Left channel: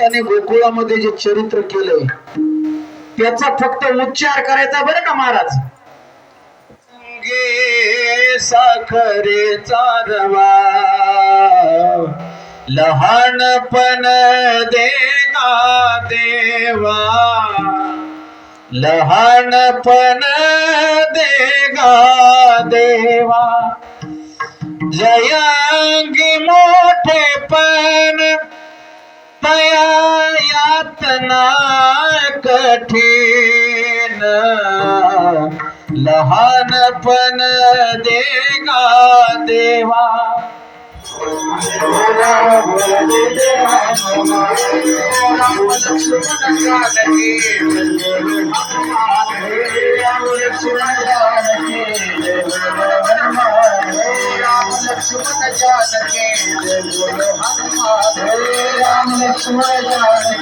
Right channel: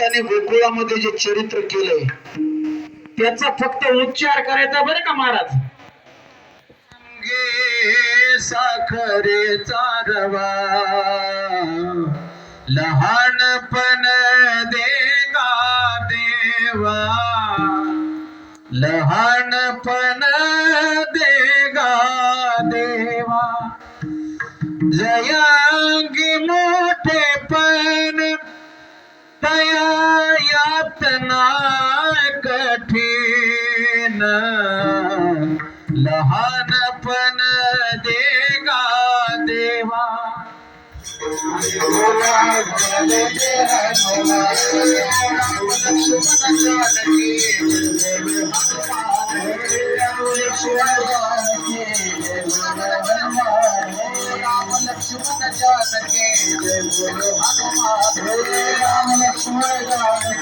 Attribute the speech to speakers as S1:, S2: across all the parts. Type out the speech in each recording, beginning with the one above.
S1: त्याने गोकुळामध्ये जे चरित्र केले त्याचा फक्त उच्चार करायचा का महाराज
S2: गे साखरे चारवा लहानपण देवा लहानपण देवा जय कठिन लहान पण देगा देवा लक्ष्मण जानके जय बोलो हनुमान हे राम लक्ष्मण जानके जय बोलो हनुमान हे राम लक्ष्मण जानके जय बोलो हनुमान हे राम लक्ष्मण जानके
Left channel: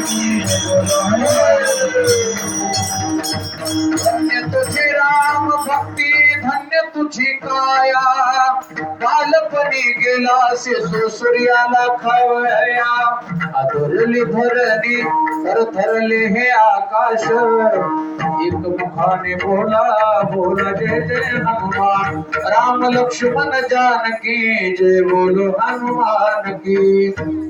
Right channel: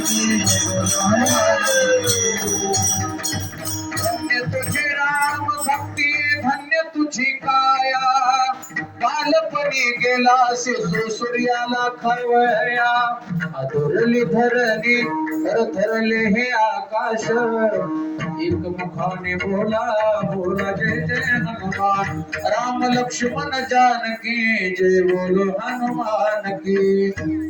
S2: धन्य तुझे राम भक्ति धन्य तुझे काया बालपणी गेला से सूर्याला खवया अधरली भरली कर धरले हे आकाश एक मुखाने बोला बोला जय जय हनुमान राम लक्ष्मण जानकी जय बोलो हनुमान की, जे बोल हनुमान की।